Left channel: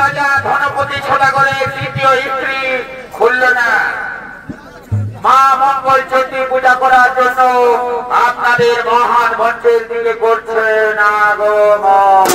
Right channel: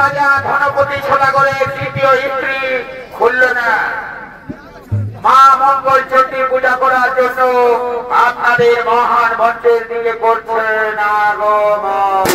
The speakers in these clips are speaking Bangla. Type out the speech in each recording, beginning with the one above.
রাজা ধনপতি সদাগরের তৃতীয় স্ত্রী খুলল না। মা মঙ্গল চণ্ডী পূজা করার জন্য আপনাদের মহান মন্দির দিকে করছেন আগমন।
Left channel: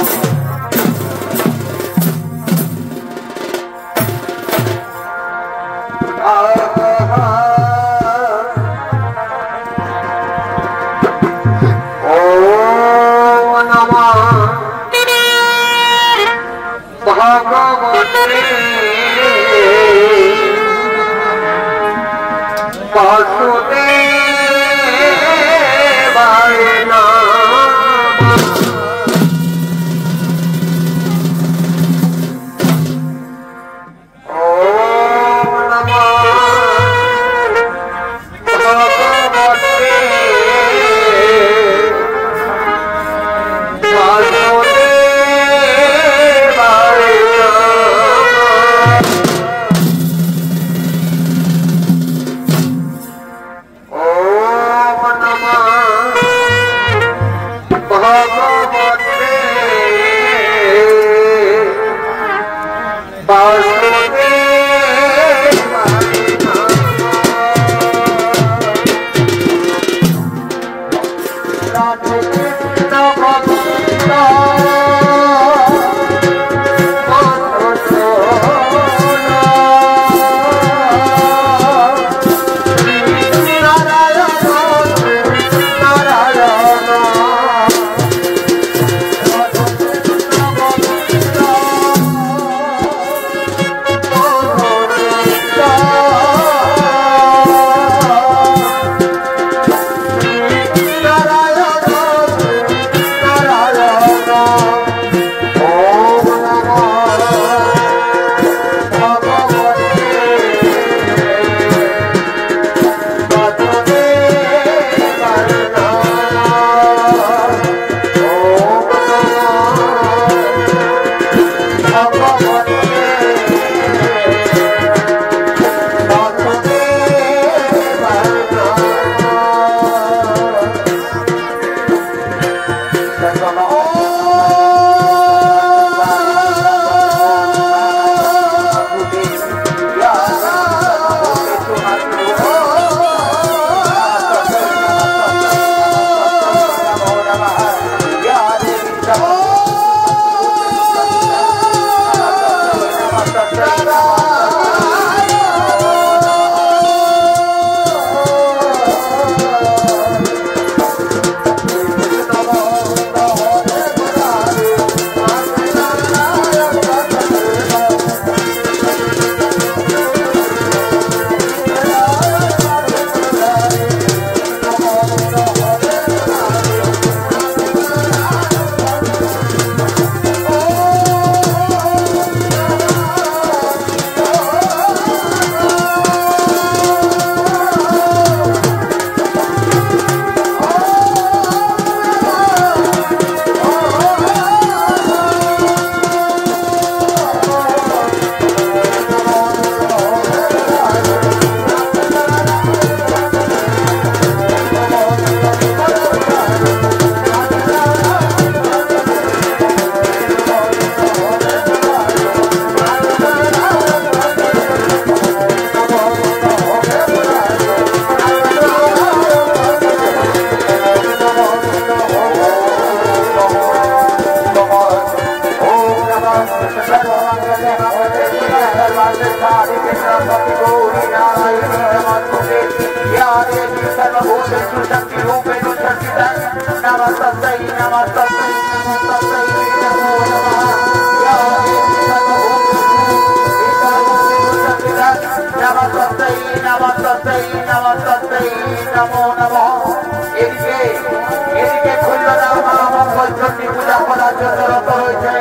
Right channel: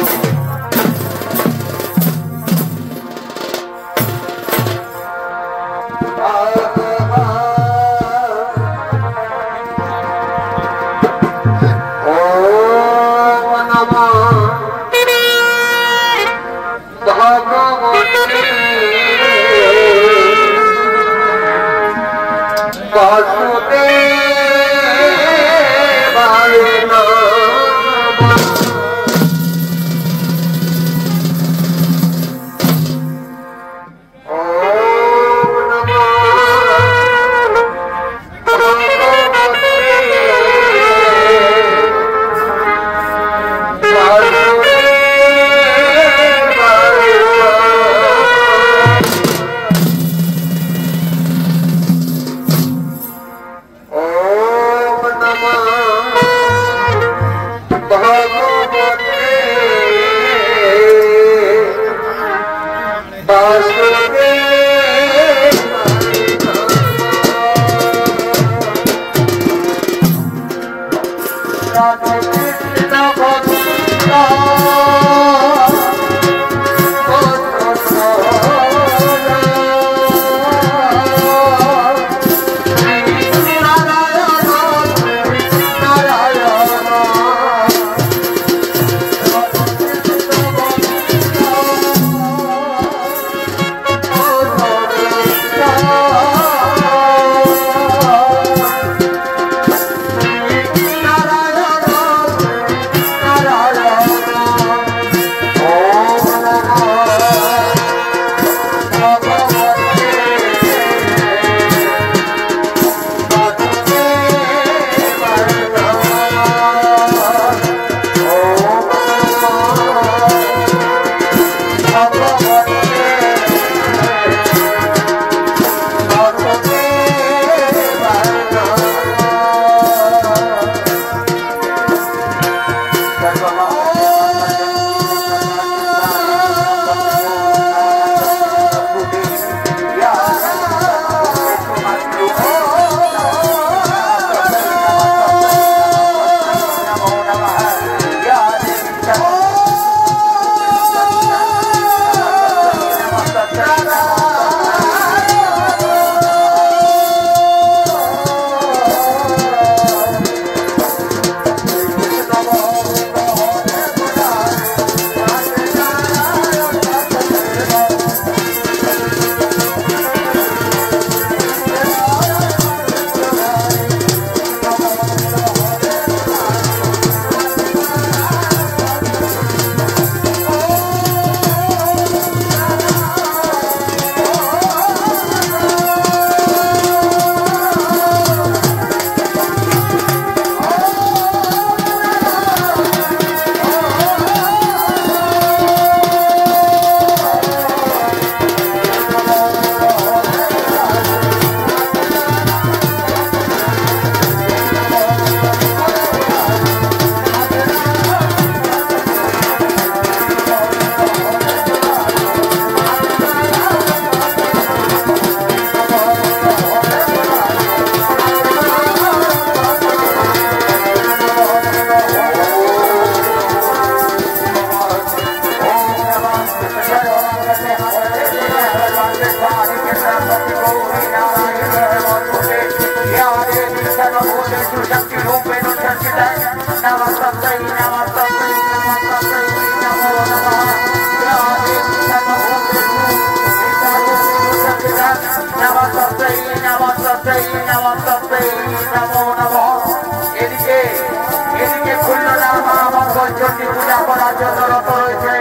পূজা করার জন্য রত রয়েছে।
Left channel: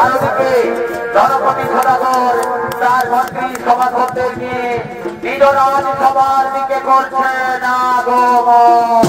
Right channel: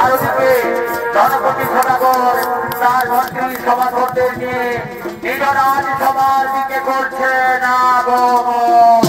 আর ওদিকে জনপতি সদাগর তার মন্ত্রী সভাসদদের নিয়ে নিররাজ সভার দিকে করছেন আগমন।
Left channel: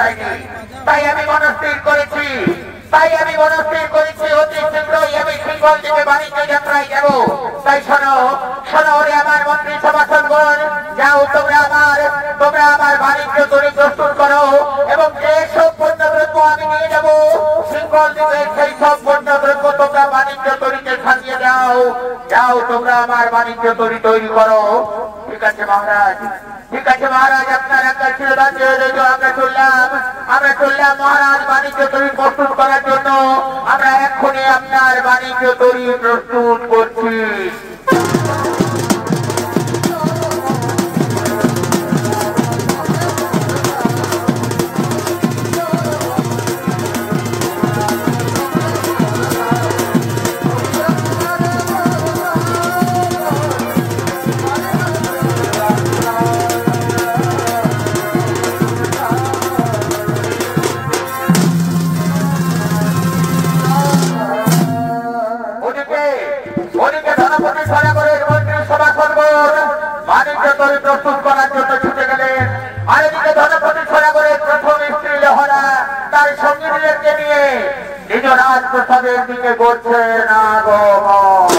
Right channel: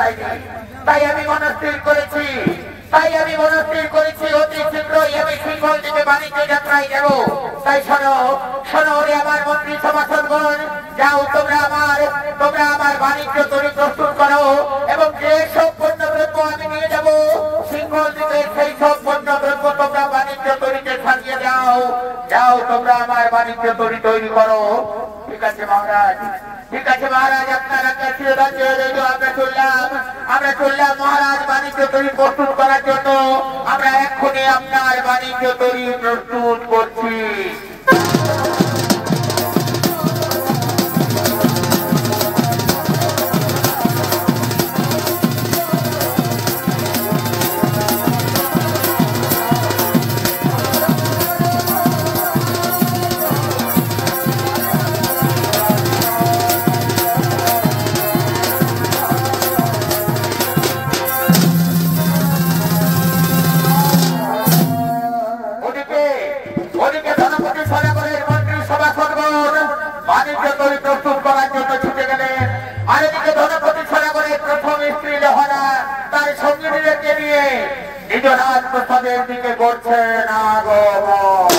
যায়নি। তাই আমি মনস্থির করেছি অতি শীঘ্রই আমি সিংহল থেকে বাণিজ্য যাত্রায় যাব। তাই শোনো শোনো ওরে আমার মন্ত্রী সভাসদগণ, যাও তোমরা আমার বাণিজ্য তৈরি প্রস্তুত করো এবং যে সব পণ্যদ্রব্য আমি নিয়ে যাব সিংহল থেকে সেই সব পণ্যদ্রব্য তোমরা বাণিজ্য তৈরিতে সাজিয়ে যাও তোমরা আমার বাণিজ্য তৈরি করো। ঠিক আছে মহারাজ, ঠিক আছে মহারাজ, আপনার একটা চিরদার্য আমরা চললাম মহারাজ বাণিজ্য তৈরি প্রস্তুত করার জন্য। আমরা এক্ষুনি আপনার বাণিজ্য তৈরি প্রস্তুত করছি। প্রস্তুত করার জন্য ছুটে গেলেন। আর এদিকে ধনপতি সাগরের প্রথম স্ত্রী লহরা তার সঙ্গীদেরকে নিয়ে নিজ রাজপ্রসাদের দিকে করছেন আগমন।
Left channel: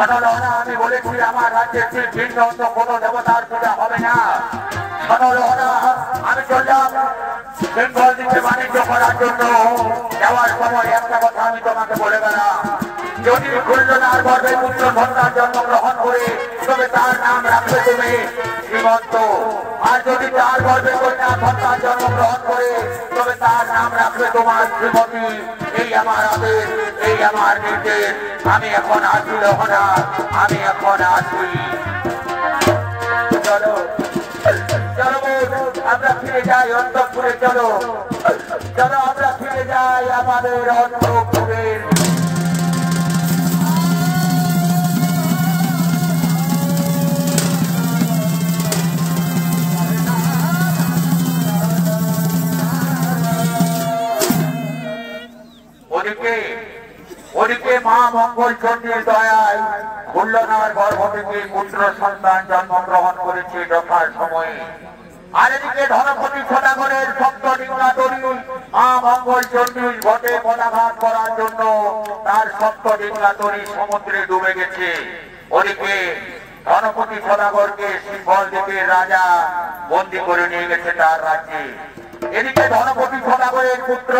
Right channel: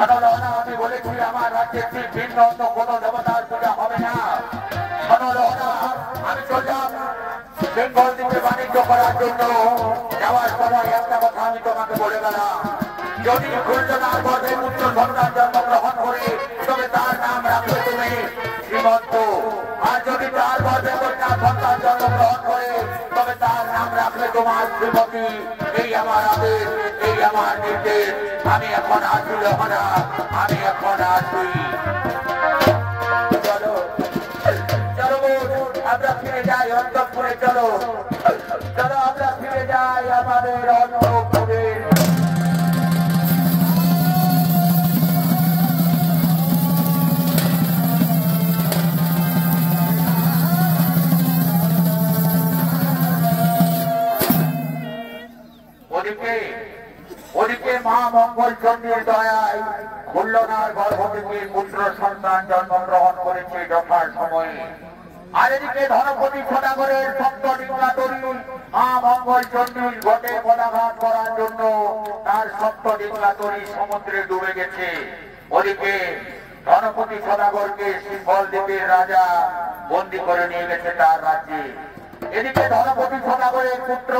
শোনো আমি বলেছি আমার রাজ্যে ভিন্ন অন্য কোনো দেবতার পূজা হবে না। শোনো আমি চললাম বেঙ্গল দিকে বাণিজ্য করার জন্য। যাওয়ার সময় একটা কথা আমি তোমাকে বলে গেলাম, যদি খুলনার গর্ভে পুত্র সন্তান জন্মগ্রহণ করে তবে তার নাম রাখবে তুমি শ্রীমন্ত। আর যদি তার গর্ভে কন্যা সন্তান জন্মগ্রহণ করে তবে তার নাম রাখবে তোমার শ্রীমতী। এই আমার আদেশ, এই আমার নির্দেশ। আমি এখন আসি না, আমি এখন আসি। চলো চলো আমরা ফিরে যাই অন্তঃপুরে। চলো চলো আমরা ফিরে যাই আমাদের অন্তঃপুরের। ওদিকে মা মঙ্গল চন্দ্রের দয়ায় খুলনার গর্ভ থেকে পুত্র সন্তান জন্মগ্রহণ করেছে যথার সময়ে। আর এদিকে ধনপতি সদাগরের সপ্ত ডিঙ্গাদড়ি মা মঙ্গল চন্দ্রের ঘটে পদাঘাত করার জন্য তার সপ্ত ডিঙ্গাদড়ি সমুদ্রে ডুবে গেছে। ওদিকে ধনপতি সদাগরকে সিংহল দ্বীপের রাজা বন্দী করে নিয়ে গেছে তার রাজ্যে। এদিকে ধনপতি সদাগরের পুত্র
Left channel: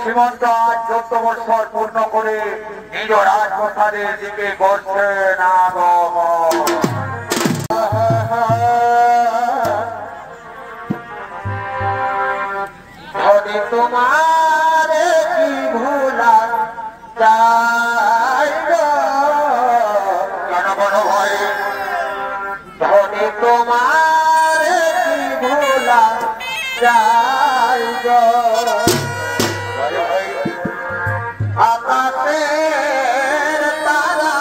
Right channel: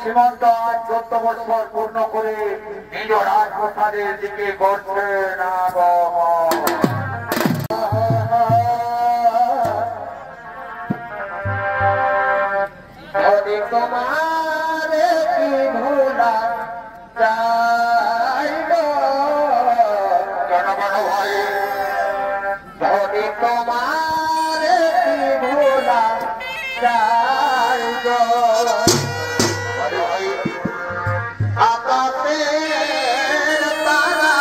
সীমন্ত আজ 14 বৎসর পূর্ণ করে নিজ রাজপ্রাসাদের দিকে করছেন আগমন। তোমার কি ভোলা চাই জনগণ ভয়, ধরে তোমার কি ভোলা চাই আকাশের তারা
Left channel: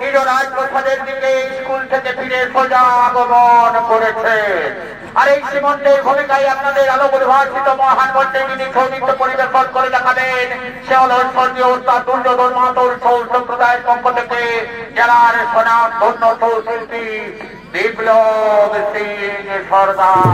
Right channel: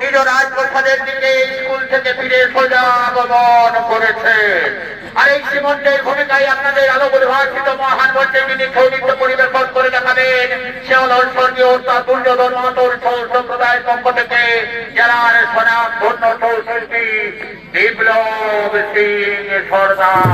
নিজ রাজপ্রাসাদের দিকে স্কুল থেকে ফিরে সোজা আগমন করেছে। আর এই সীমন্তের ভূমিকায় আপনাদের আলো পরিভাষিত মহান মঞ্চে যিনি সৌদিত্য পরিবেশন করে দেখাবেন সে হল স্বর্গীয় তার দুর্যোধন মাতুর ছৌ সম্প্রদায়ের পক্ষ থেকে জেলার সোনাম ধন্য ছৌ শিল্পী বিপ্লব সিং সরকার।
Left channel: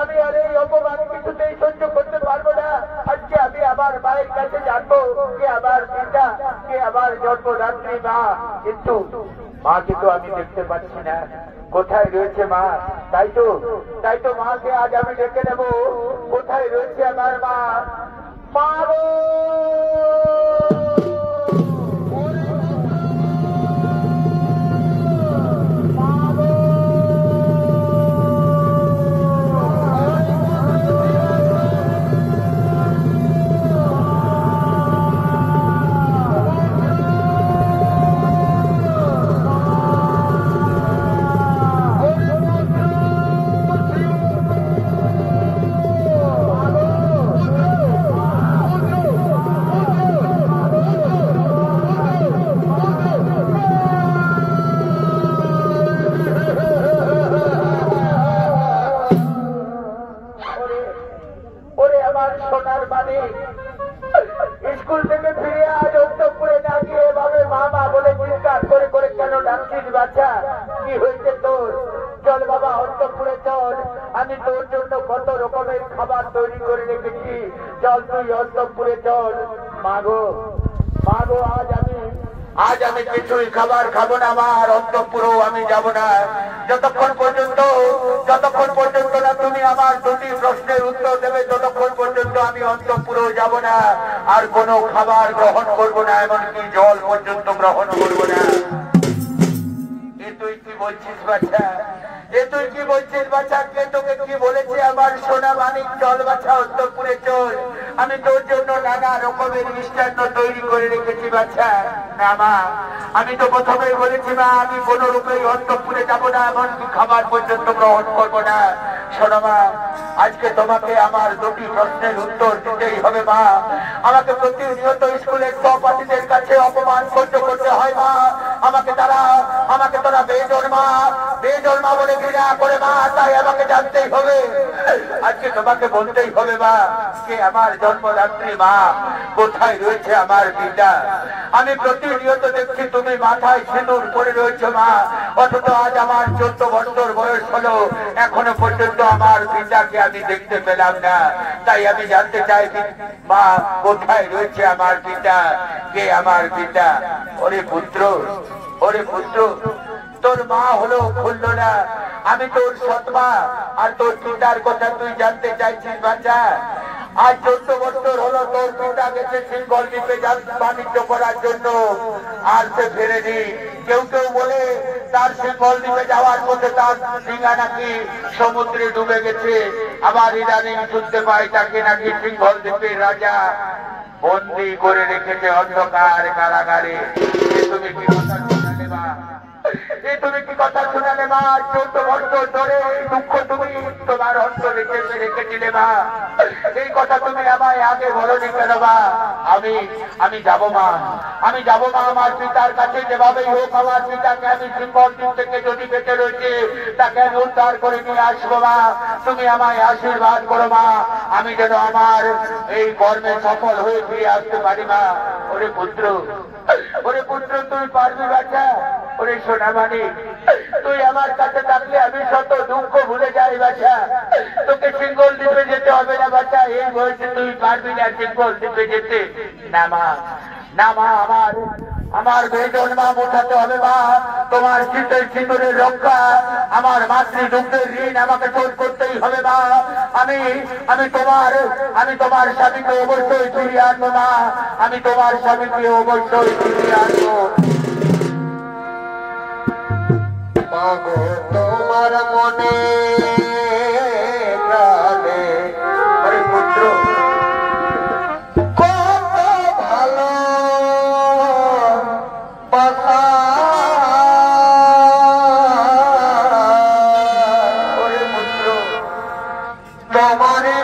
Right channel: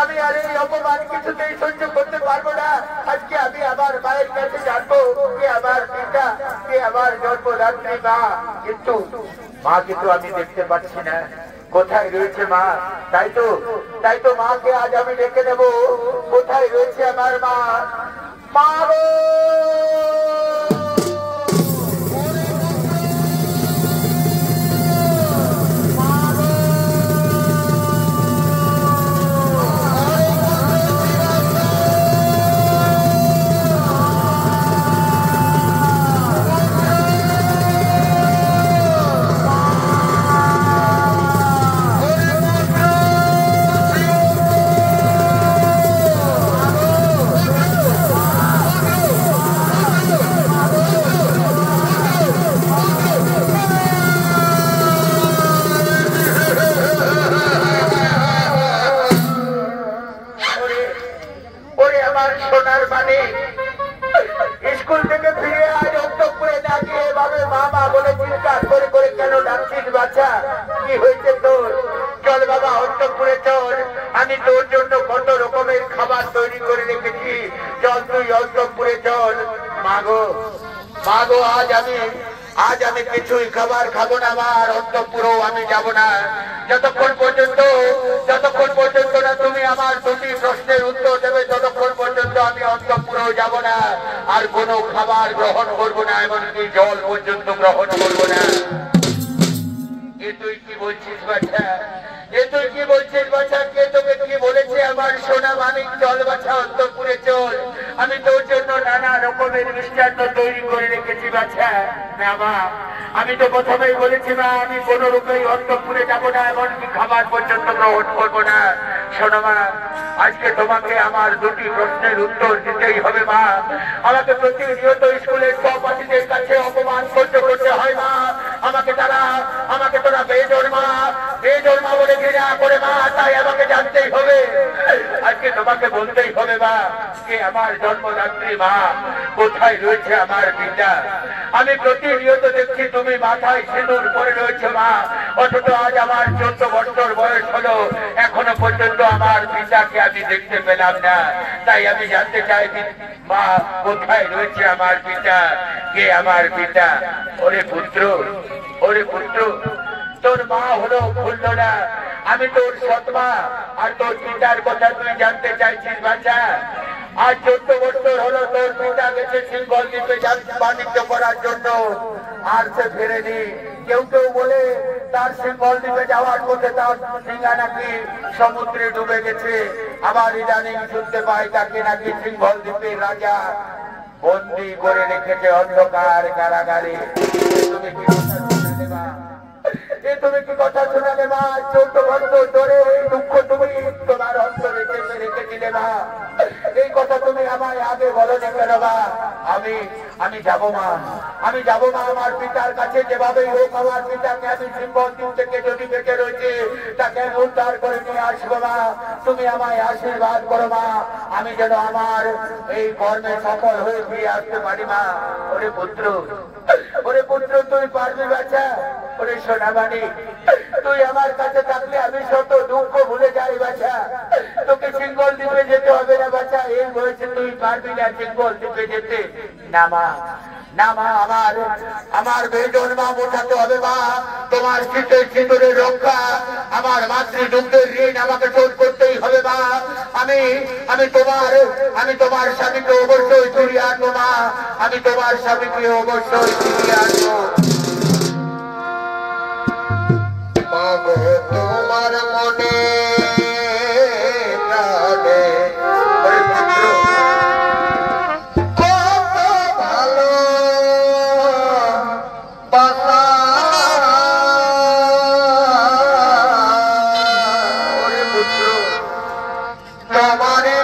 আমি আর এই অপমান কিছুতেই সহ্য করতে পারবো না। আজকে আমি আমার মায়ের কাছে জানবো কে আমার পিতা, কে আমার জন্মদাত্রী মা। কিন্তু মাকে তো আমি দেখতে পাচ্ছি না, কোথায় রয়েছে মা? তাই তো মাকে আজ আমি ডেকে নেব। কোথায় রয়েছে আমার মা? মা গো! স্কুল থেকে ফিরে আজ অন্তঃপুরে না গিয়ে এভাবে মা মা বলে চিৎকার করে করে কেন ডাকছিস বাচ্চা? কি হয়েছে তোর? চল বাবা অন্তঃপুরে চল, আমি তোর জন্য কত রকমের খাবার তৈরি করে রেখেছি। চল তুই অন্তঃপুরে চল। মাগো মাগো, আজ আমি কিছুই খাবার খাবো না। আমার অন্তঃপুরেও আমি যাব না যতক্ষণ পর্যন্ত না তুমি আমার দুটি প্রশ্নের উত্তর দেবে, ততক্ষণ পর্যন্ত আমি অন্তঃপুরেও যাব না। আর কোনো খাবার গ্রহণ করবো না, এমনকি জল পর্যন্ত গ্রহণ করবো না। এ তুই কি বলছিস বাচ্চা? তুই কি বলছিস বাচ্চা? কে তোকে কি বলেছে? আমার সোনা মানিক, চল বাচ্চা অন্তঃপুরে চল। আমি তোর জন্য নানা রকমের মিষ্টান্ন তৈরি করে রেখেছি বাচ্চা। না মা, আমি তো প্রথমেই বলেছি না, আমি কোন রূপেই অন্তঃপুরে যাবো না, এমনকি খাবার পর্যন্ত গ্রহণ করবো না। শোনো মা, আজকে তোমাকে আমার দুটি প্রশ্নের উত্তর দিতেই হবে মা। আমাকে প্রতিনিয়ত স্কুলের সহপাঠীদের কাছে অপমান করতে হয় মা। আমাকে তোরা বেজন্মা বলে ঘৃণা করে মা, তাই আমাকে জানতেই হবে। আজকে তোমাকে বলতেই হবে মা, কে আমার জন্মদাত্রী মা, কোথায় রয়েছে আমার পিতা। আমি প্রতিনিয়ত দেখছি তুমি মাথায় সিঁদুর পরে রয়েছে মা, অথচ আজ আমার 14 বছর বয়স হলো, এখনো পর্যন্ত আমার পিতাকে আমি দেখতে পেলাম না। তাই আমি জানতে চাই মা, কোথায় রয়েছে আমার পিতা, কে আমার পিতা। ওরে পুত্র, তোর মা হলো খুলনা, আমি তোর সৎমা। আর তোর পিতার কথা তুই জানতে চাইছিস বাচ্চা? আজ 14 বছর হলো তোর পিতা গেছে সিঙ্গল দ্বীপে বাণিজ্য করার জন্য, আর সে ফেরেনি। কেউ বলে তার সিঙ্গল দ্বীপে যাওয়ার পথে তার সিঙ্গা নাকি সমুদ্রে ডুবে গেছে। আবার ইদানিং শুনতে পাই তাকে নাকি সিঙ্গল দ্বীপের রাজা বন্দী করে রেখেছে অন্ধকার কারাগারে। তুমি কি কথা শুনালে মা? তুমি কি কথা শোনালে মা? 14 বছর ধরে এই দুঃখ তুমি তোমার অন্তরে চেপে রেখেছিলে মা। এই কথা তুমি আমায় আগে বলোনি কেন মা? আমি যাব মা, আমার পিতার কাছে। যেভাবেই হোক আমার পিতাকে আমি সিঙ্গল দ্বীপ থেকে যদি বেঁচে রয়েছে তাকে আমি উদ্ধার করে নিয়ে আসবো মা। তুমি আমায় আশীর্বাদ করো মা, আমি যেন আমার এই কর্মে সফল হয়ে ফিরে আসতে পারি মা। ওরে পুত্র, তুই পারবি বাচ্চা? ওরে সোনামানি, তুই আমার কাছে থাকলে আমি শত দুঃখ ভুলে যাই বাচ্চা। তোকে সিঙ্গল দ্বীপে যেতে হবে না বাচ্চা, এই বয়সে তুই পারবি না সিঙ্গল দ্বীপে যেতে। না মা, আমার বেজন্মা বোঝাতে হবে মা। তোমার শীতের সিঁদুরের রক্ষা, আমার মাতৃ দুগ্ধের ঋণ আমাকে শোধ করতেই হবে মা। আমি তোমার স্বামীকে অবশ্যই ফিরিয়ে আনবো মা, আমি তোমার স্বামীকে অবশ্যই ফিরিয়ে আনবো। মাগো তোমার মনে প্রাণে, ওরে পুত্র কত ভালো বাসা, ওরে পুত্র তোমারে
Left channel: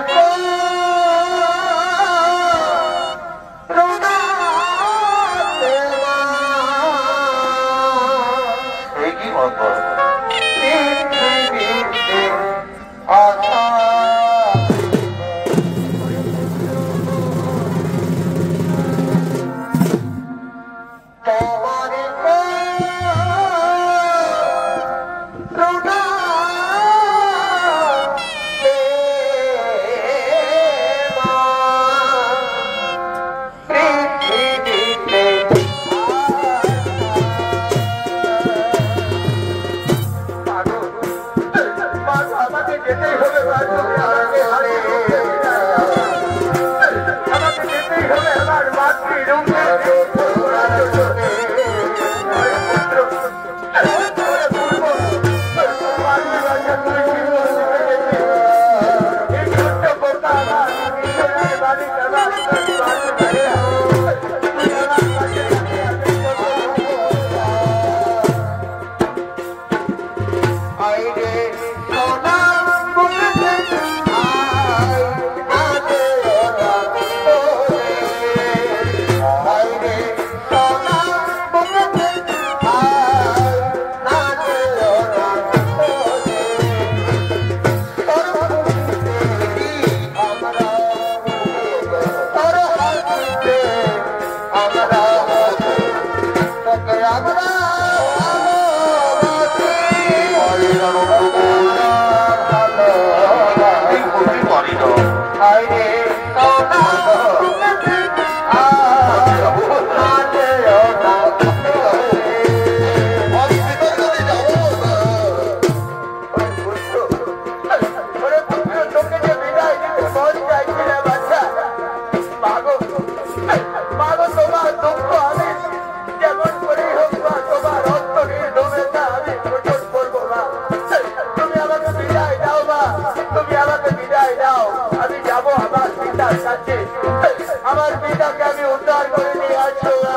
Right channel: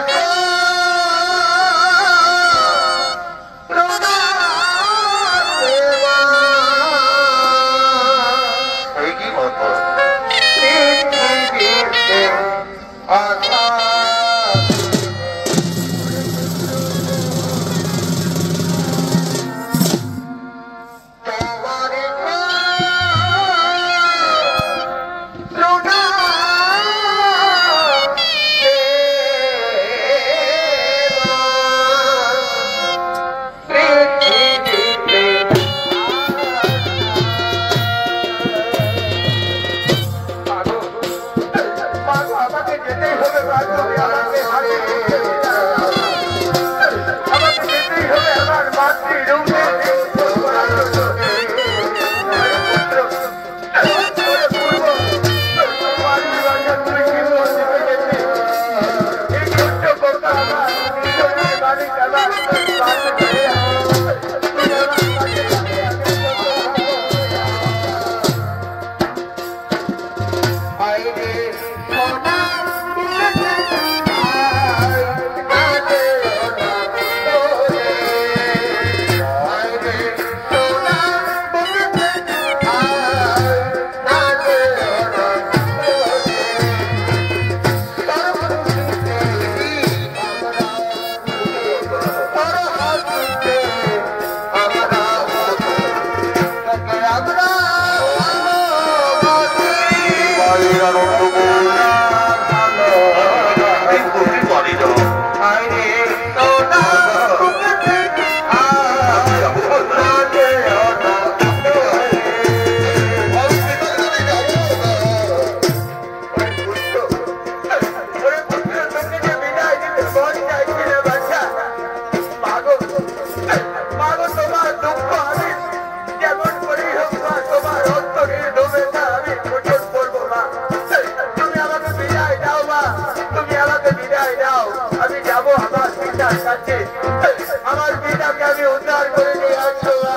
আমার পিতাকে আমি উদ্ধার করে নিয়ে আসছো মা,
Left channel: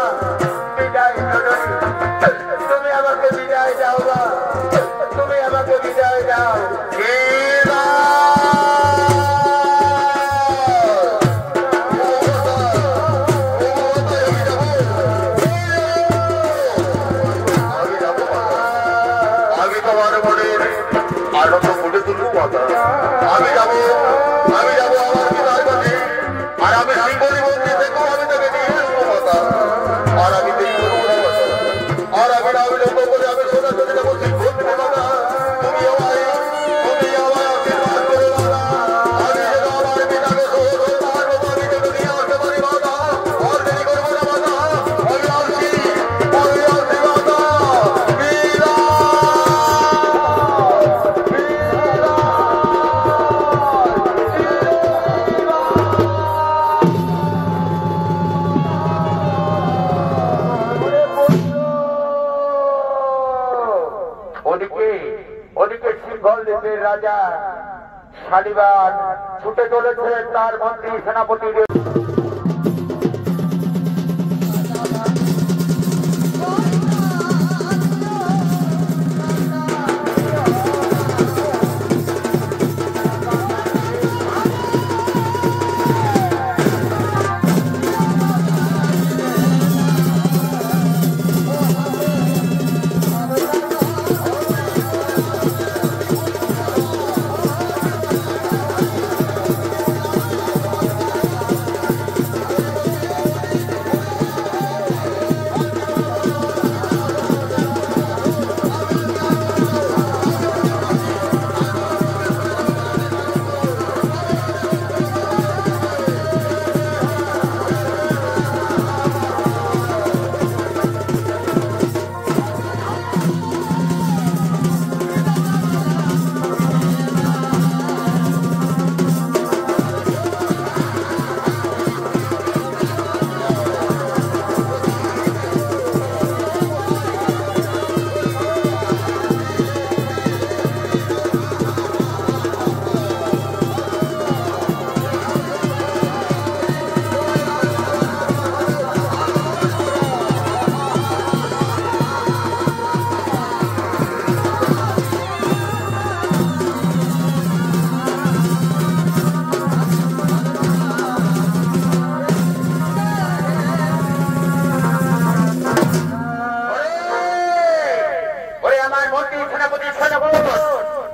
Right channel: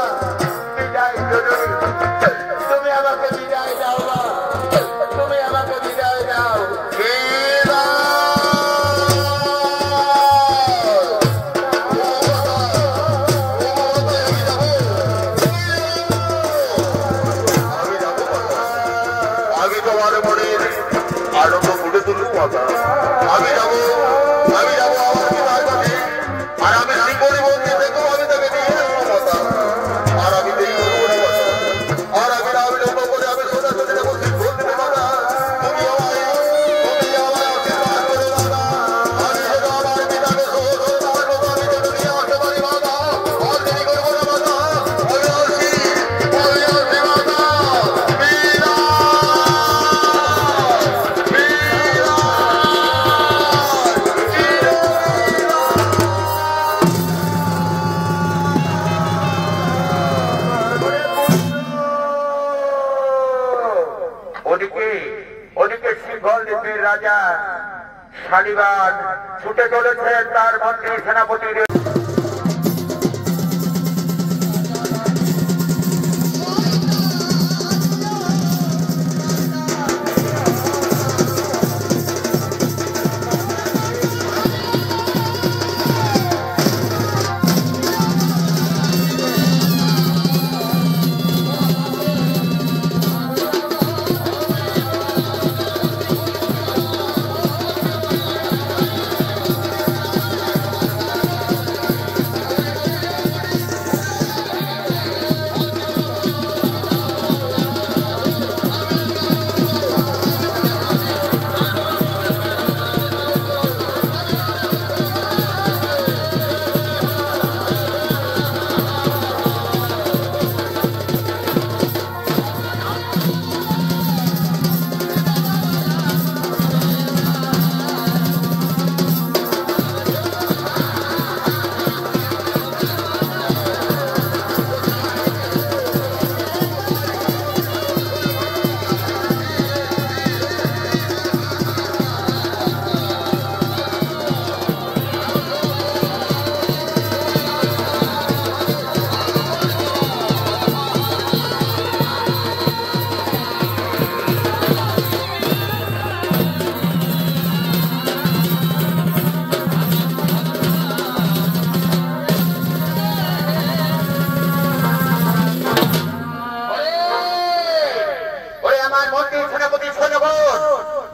বিদায় তুমি আমাকে বিদায় দাও মা, তুমি আমাকে বিদায় দাও। আমি তোমার মনের আনন্দ ফুটে তুলবো মাতা, আমি যাবো আমার পিতার কাছে, আর আমি শিবরি মন্দির দেখবো, আমি তাকে নিয়ে আসবো মাতা, আর আমি দেরি করবো না মাতা, আর আমি না বিলম্ব করে আমি সোজা চলে যাবো শিবঘন্টে মাতা। তুমি আমায় আশীর্বাদ করো মাতা, আমি যেন আমার পিতাকে আমি যেন নিয়ে আসতে পারি মাতা, আর দেরি করবো না মাতা, আমি আসি মাতা। ওদিকে সিংহল দ্বীপের রাজা শালিবান ছুটে চলেছেন তার মন্ত্রী সেনাপতিদের।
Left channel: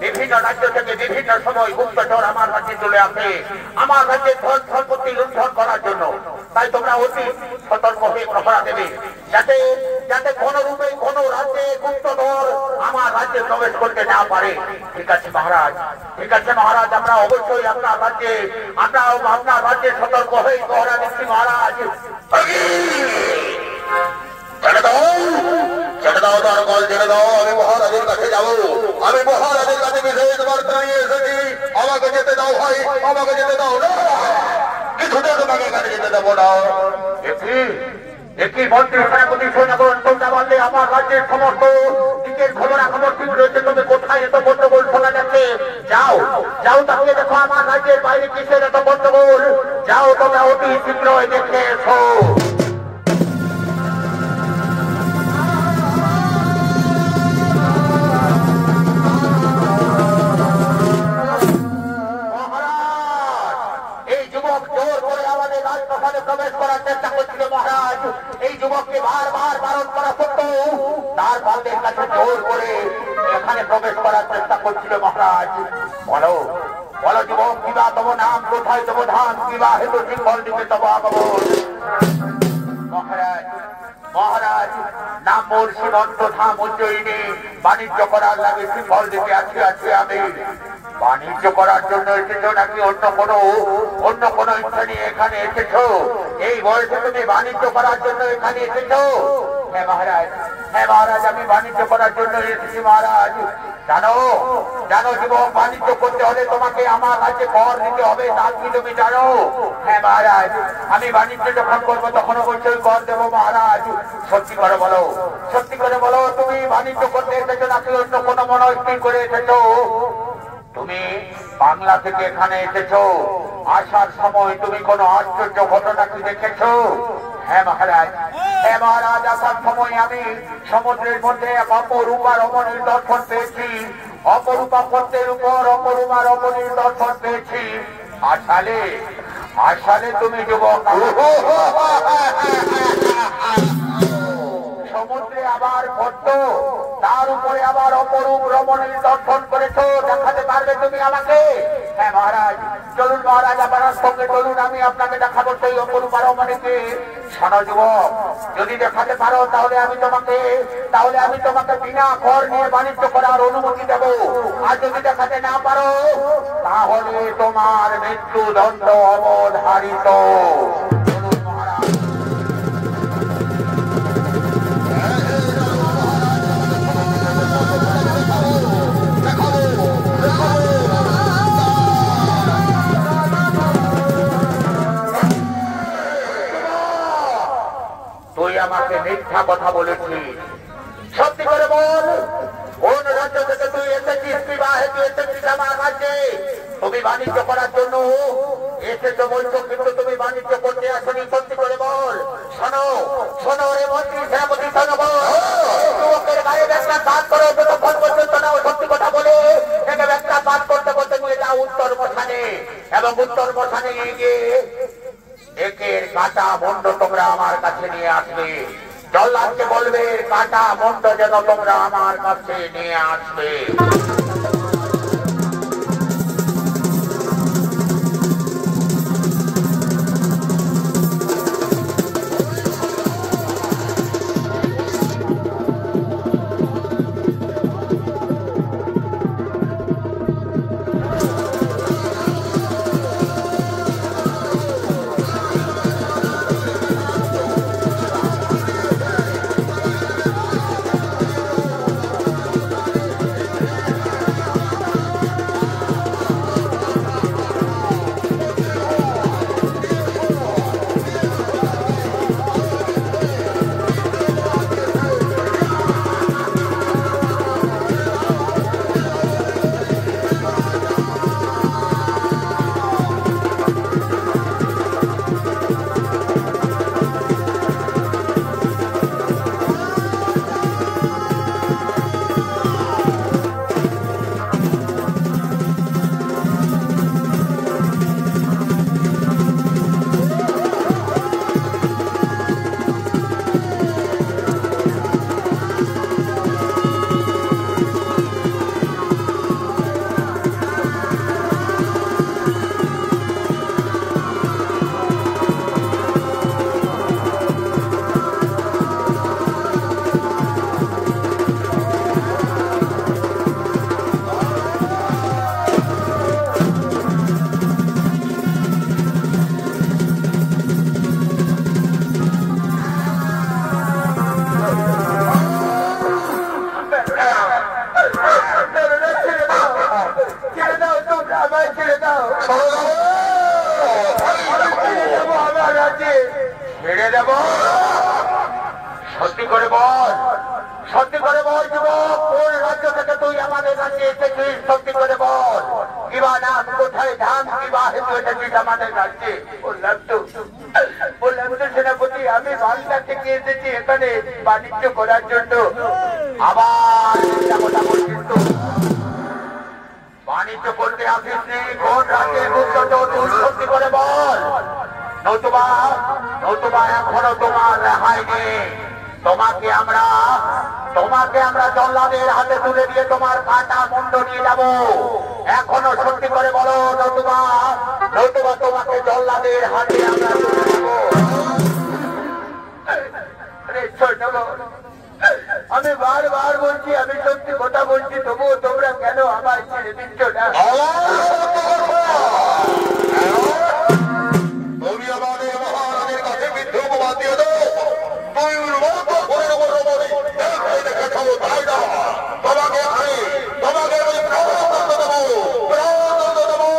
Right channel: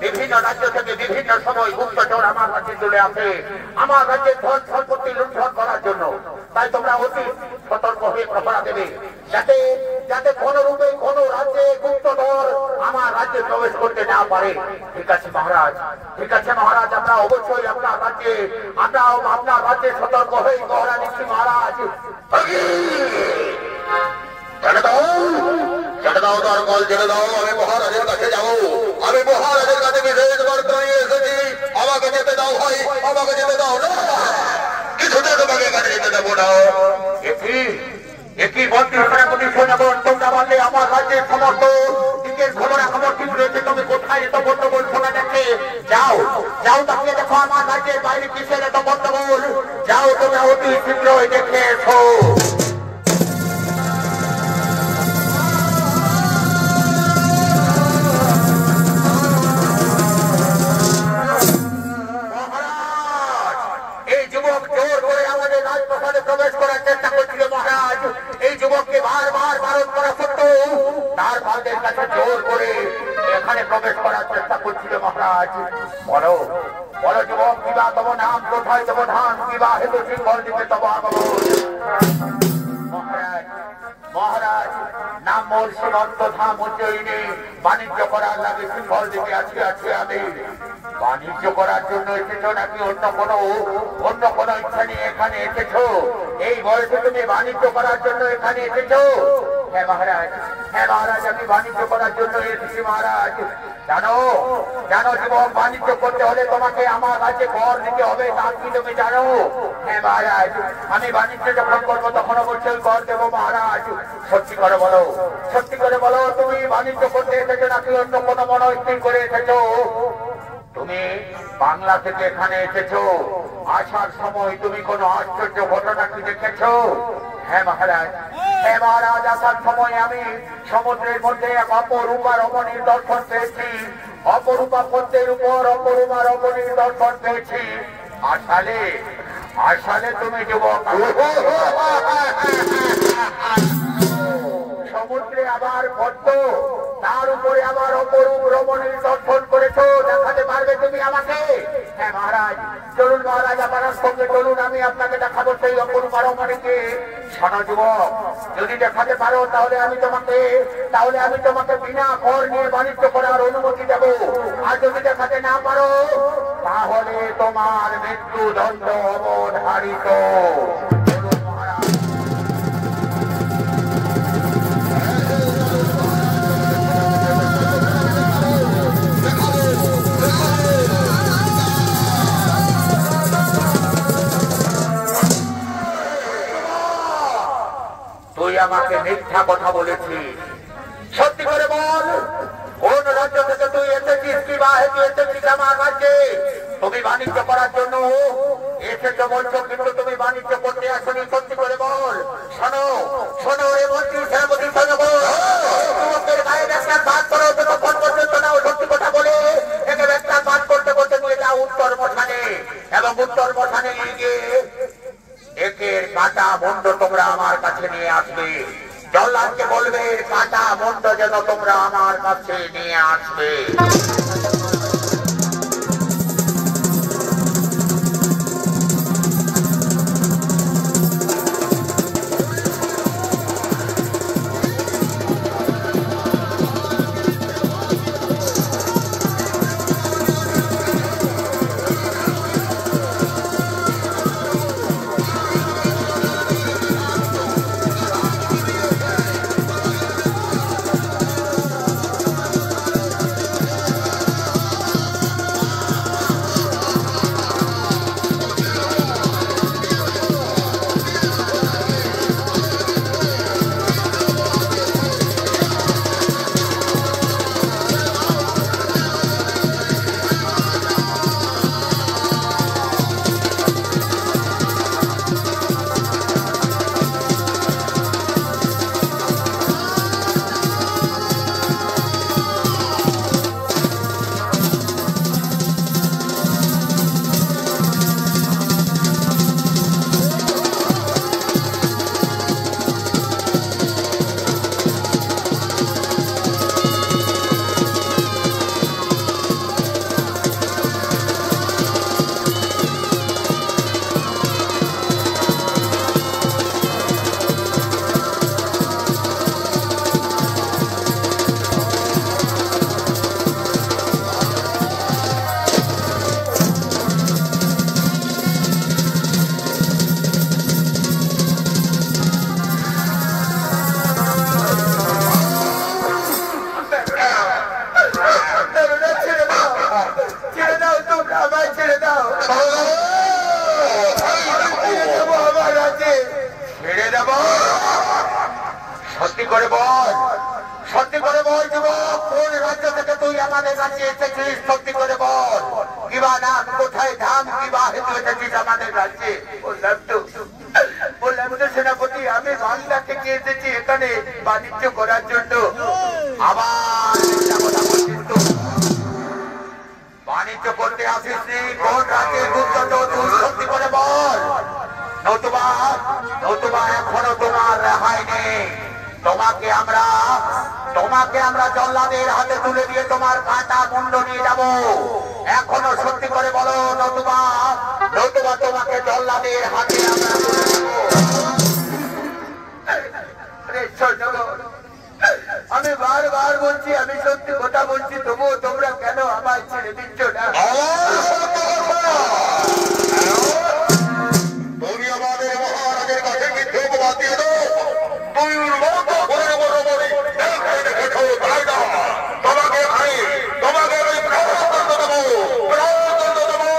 বিভিন্ন রাজ্য থেকে বিভিন্ন সময় গুপ্তচর আমার রাজ্যে চলে আসে আমার রাজ্যের ধন সম্পত্তি লুণ্ঠন করার জন্য। তাই তোমরা অতি সতর্ক হয়ে প্রহরা দেবে, যাতে যাতে কোন রূপে কোন রাজ্যে গুপ্তধর আমার রাজ্যে প্রবেশ করতে না পারে। ঠিক আছে মহারাজ, ঠিক আছে মহারাজ, আমরা অবশ্যই আপনার রাজ্যে সতর্ক হয়ে প্রহরা দিচ্ছি মহারাজ। ছেড়ে দাও তার কল ছেড়ে দাও আমি মহারাজের কাছে যাবো আমি মহারাজের কাছে বিশেষ বার্তা নিয়ে এসেছি আমাকে যেতে দাও ভাই আমাকে যেতে দাও না কিছুতে তোমাকে কাছে যেতে দেবো না একই মন্ত্রী সেনাপতি সৈন্যগণ তোমরা বললে আমার রাজ্যের সমস্ত দিকের খবরাখবর ঠিক রয়েছে তুমি কোথায় এত গন্ডগোল শোনা যাচ্ছে যাও যাও তাকিয়ে দেখো আমার রাজ্যের বাইরে কিসের এত গন্ডগোল যাও তোমরা অতি শীঘ্রই দেখে এসো প্রবেশ করার চেষ্টা করছিল মহারাজ এই যুবককে বারবার বারণ করা সত্ত্বেও তার বালদের কাছে জোর করে এখানে প্রবেশ করার চেষ্টা করছিল মহারাজ বলো বলো যুবক কিবা তব নাম কোথায় তব ধান কিবা হেতু সিংহল দিকে তব আগমন মহারাজ মহারাজ নাম মোর সীমন্ত ধাম উজ্জয়িনী বাণিজ্য করার লাগে সিংহল দিকে আছি আমি বাণিজ্য করার জন্য এসেছো নাকি অন্য কোনো ইচ্ছা নিয়ে এখানে এসেছো এই বয়সে তুমি বাণিজ্য করার জন্য এখানে এসেছো হ্যাঁ মহারাজ আমি বাণিজ্য করার জন্য এসেছি মহারাজ জানো জানো যুবক বাণিজ্য করতে হলে তোমাকে আমার কাছে কর দিতে হবে তা কি তুমি জানো হ্যাঁ মহারাজ আমি বাণিজ্য যখন করবো তখন অবশ্যই কর দেবো মহারাজ সত্যি করে বলো তুমি বাণিজ্য করতে এসেছো নাকি অন্য কোনো মনস্থির করে এসেছো তুমি বাংলা থেকে এখানে এসেছো আসার সময় তুমি কোন আশ্চর্য ঘটনা কি দেখেছো হ্যাঁ মহারাজ আসার সময় আমি সমুদ্রের মধ্যে এক অপরূপা রমণীর দর্শন পেয়েছি অপরূপা পদ্মের উপর অপরূপা রমণীর দর্শন পেয়েছি আসালে তুমি যুবক সমুদ্রে আবার পদ্ম তার উপরে আবার অপরূপ রমণীর দর্শন করেছো দেখাতে পারবে তুমি আমাকে হ্যাঁ মহারাজ চলুন মহারাজ আমার সঙ্গে চলুন আমি আপনাকে দেখাবো সেই অপরূপ রমণীকে শোনো যুবক যদি দেখাতে পারো তাহলে আমি তোমাকে বিনা কর নিয়ে বাণিজ্য করার অনুমতি দেবো আর যদি দেখাতে না পারো তাহলে তোমার মৃত্যুদণ্ড অবধারিত তুই আমাকে মিথ্যা কথা বলেছিস সত্যি করে বল কোন রাজ্য থেকে তুই এসেছিস কিবা হেতু এসেছিস আমার রাজ্যে তুমি বাণিজ্য করার জন্য এসেছো বলছো কিন্তু তুমি বাণিজ্য করতে আসনি সত্যি করে বল শোনো রে মন্ত্রী সেনাপতি শোনো তোমাদের গায়ে একটা কাজ করো যতক্ষণ পর্যন্ত না সত্যি কথা বলে একে একটা কাজ করতে করতে নিয়ে যাও উত্তর মশানে এবং উত্তর মশানে নিয়ে গিয়ে একের কাটা মন্ড তোমরা আমার কাছে নিয়ে আসবে জল্লাদকে বলবে কাটা মন্ড যেন তোমরা আমার কাছে নিয়ে আসবে ছেড়ে দেব? সত্যি করে বল, সত্যি করে বল যুবক, কোন রাজ্য থেকে তুই আমাদের কাছে এসেছিস? সত্যি করে বল, কিবা নাম, কোথায় ধাম, কিবা হেতু এসেছিস আমাদের রাজ্যে? বললাম তো সেনাপতি, আমি বাংলা থেকে এসেছি এখানে বাণিজ্য করার জন্য। আবার কথা বলছিস তো? বাণিজ্য করতে আসিস নি? কোন রাজ্যের গুপ্তচর তুই? সত্যি করে বল, নতুবা এখনো তোমার রেহাই নেই। তোমাকে আমরা জল্লাদের হাতে তুলে দিয়ে তোমার কাটা মুন্ড নিয়ে যাব। এখনো সত্যি করে বলো, নতুবা তোমাকে জল্লাদের হাতে আমরা তুলে দেব। আমি বারবার বলছি, আমি সত্যি কথা বলছি, তবুও তোমরা কেন আমার ছেড়ে দিচ্ছ না? তুমি আমাদের মহারাজের কাছে মিথ্যে অপবাদ দিয়ে দাও। তুই লোক বড় বড় বড় দেখে দেখে খাবো, তাই না? তোমাকে আমি প্রাণদণ্ড দেবো, প্রাণদণ্ড দেবো।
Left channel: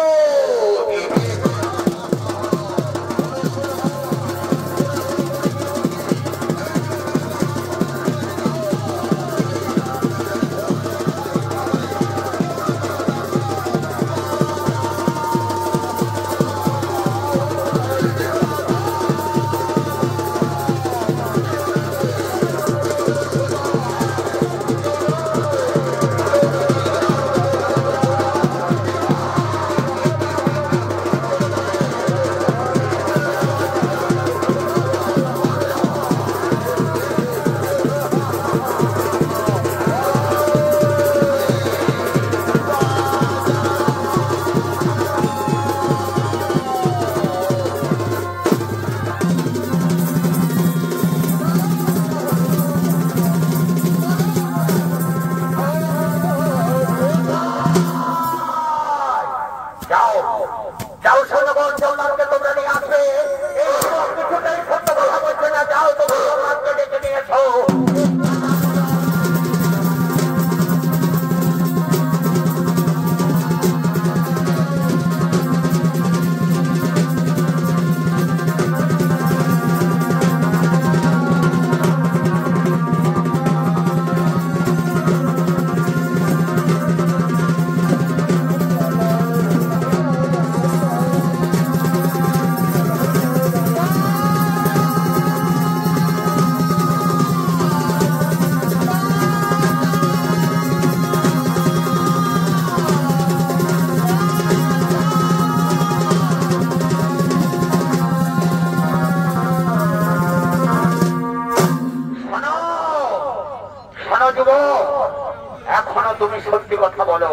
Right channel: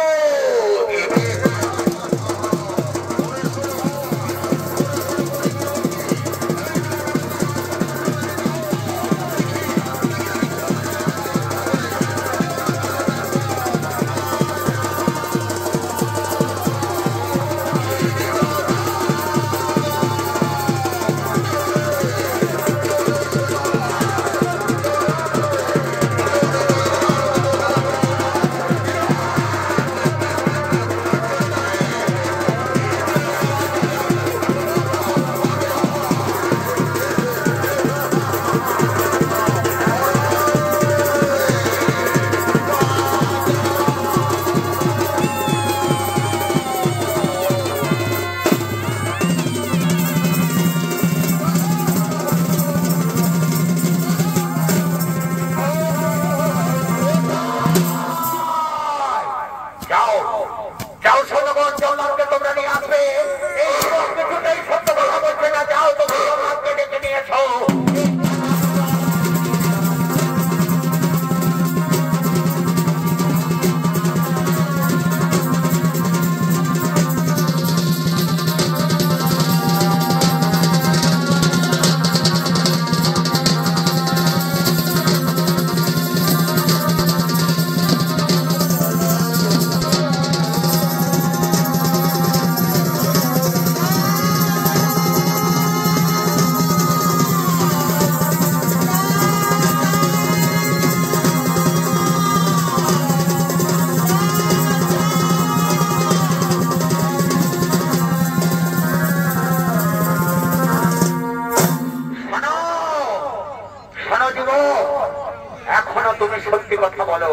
এখনো তুমি সত্যি কথা বলো,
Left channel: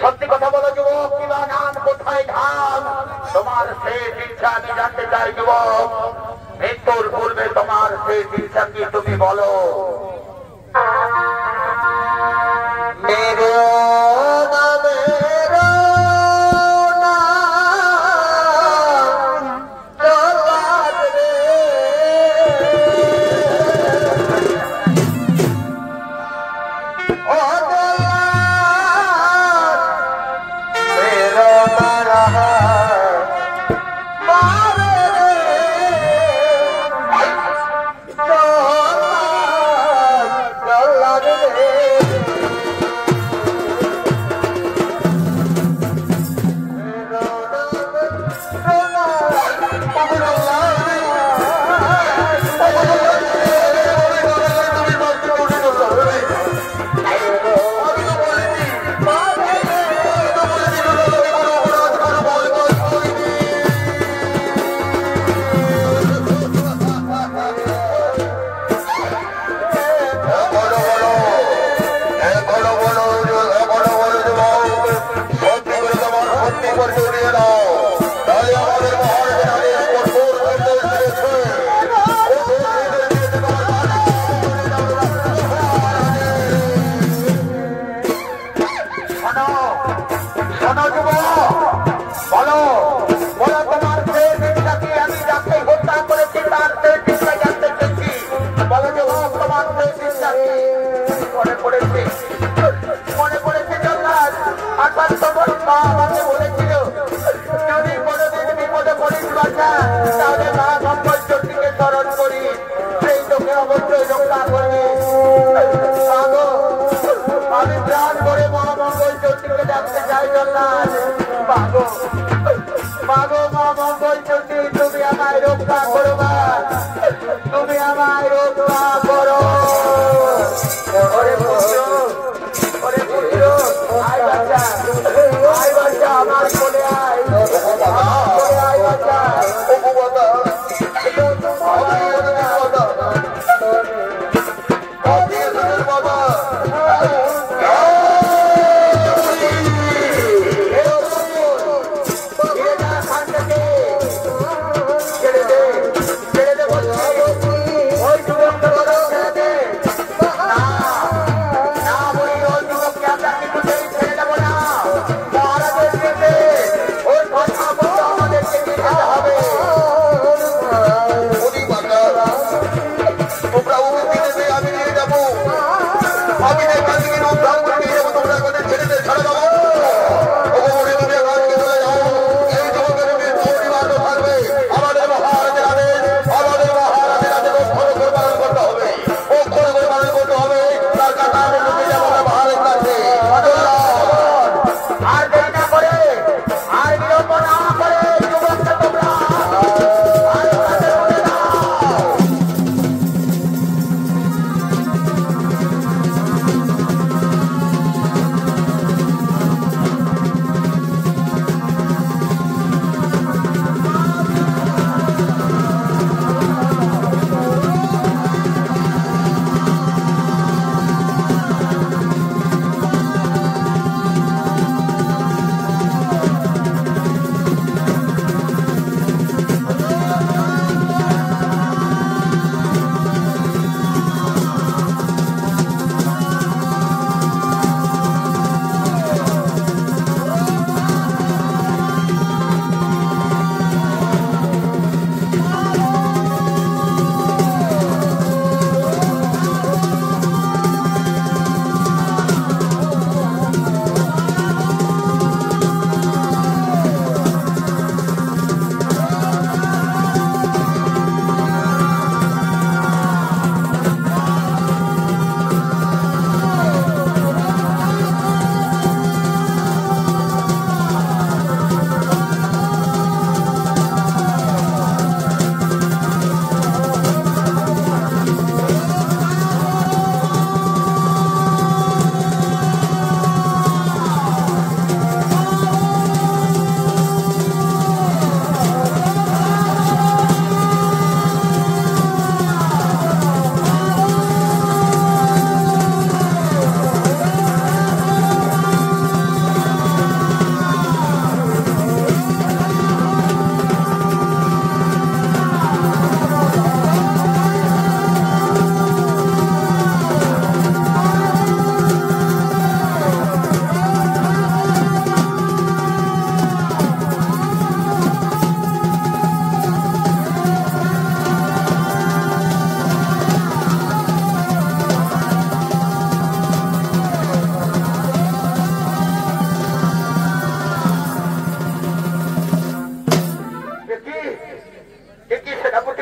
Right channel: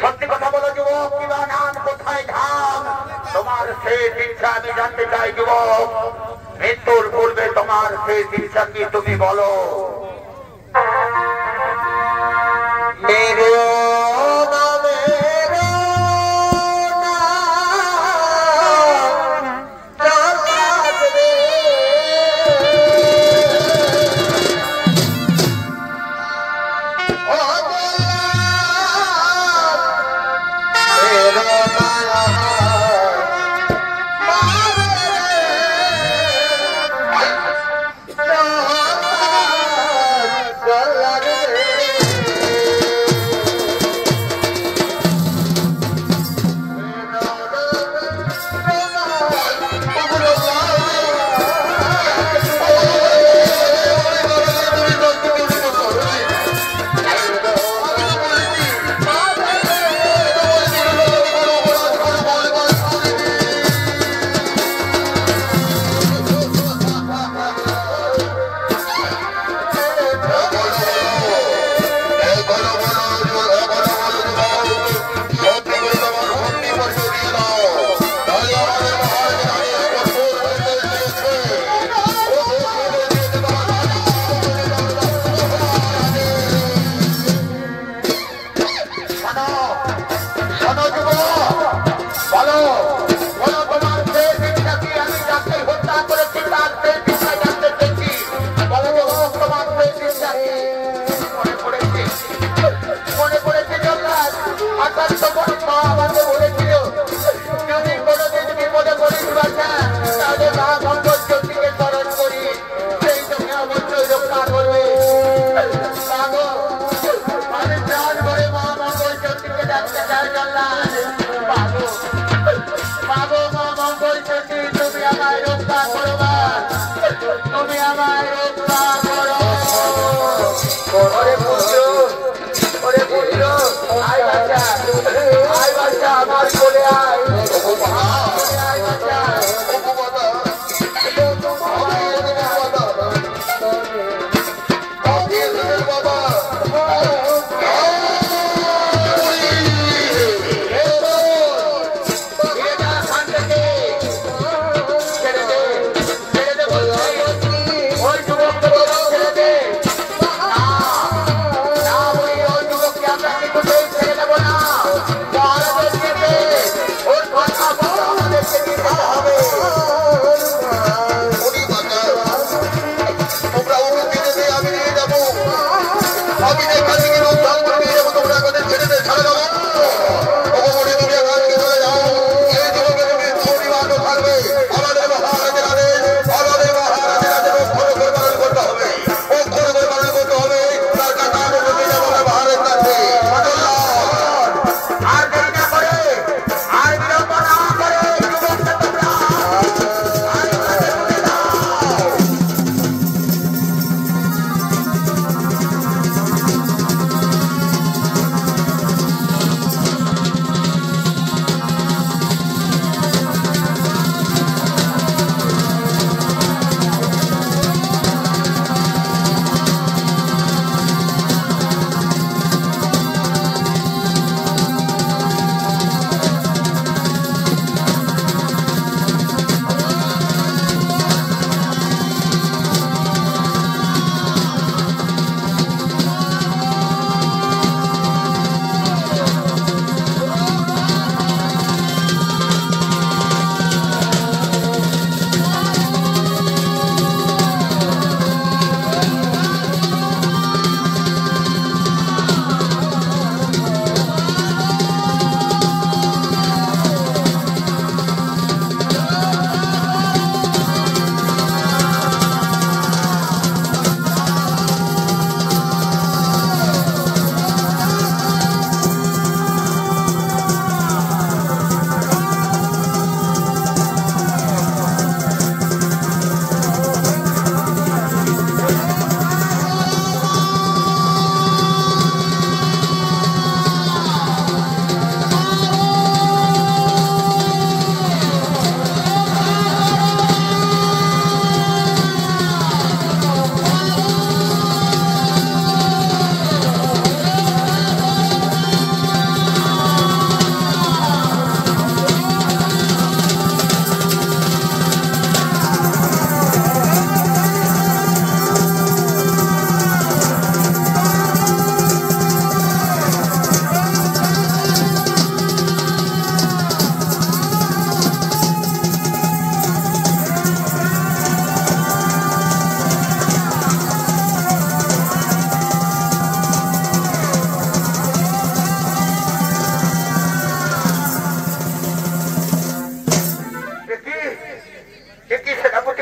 সত্যি কথা বলো যুবক, কিবা নাম, কোথায় ধাম, তোমার শেষ ইচ্ছা আমি জানতে চাই যুবক। মৃত্যুর পূর্বে তোমার শেষ ইচ্ছা কি তুমি বলো।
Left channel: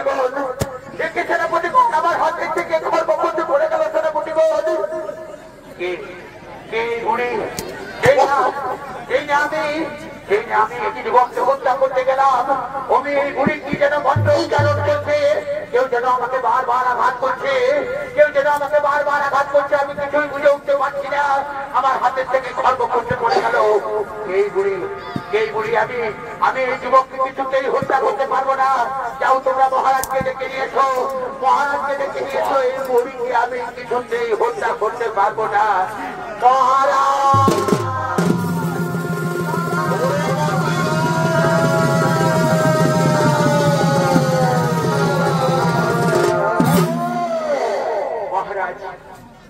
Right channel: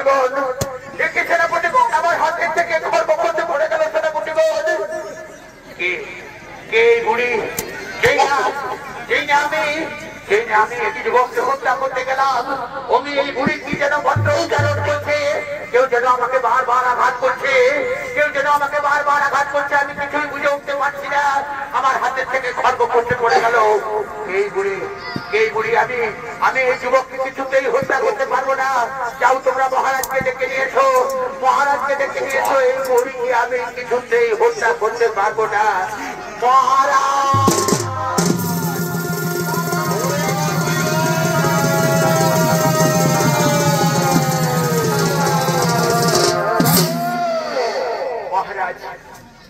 সেনাপতিগণ, দেখে সেনাপতিগণ আমার হাতের থেকে খর্ব করতে পড়ে গেল সেনাপতিগণ। কে বুড়ি? আমি একটি যুবককে হত্যা করতে গেলাম, অমি এই বুড়ি কি যেন মন্ত্র উচ্চারণ করছে, কেউ যেন আমাকে বারবার আঘাত করছে, আমি কিছুই বুঝে উঠতে পারছি না, আমার হাতের থেকে খর্ব করতে পড়ে গেল। এই বুড়ি আমি এই যুবককে কিছুতেই হত্যা করতে পারবো না। যাও তোমরা মহারাজকে ডেকে নিয়েছো, এই বুড়িকে আমি কিছুতেই হত্যা করতে পারবো না। মহারাজ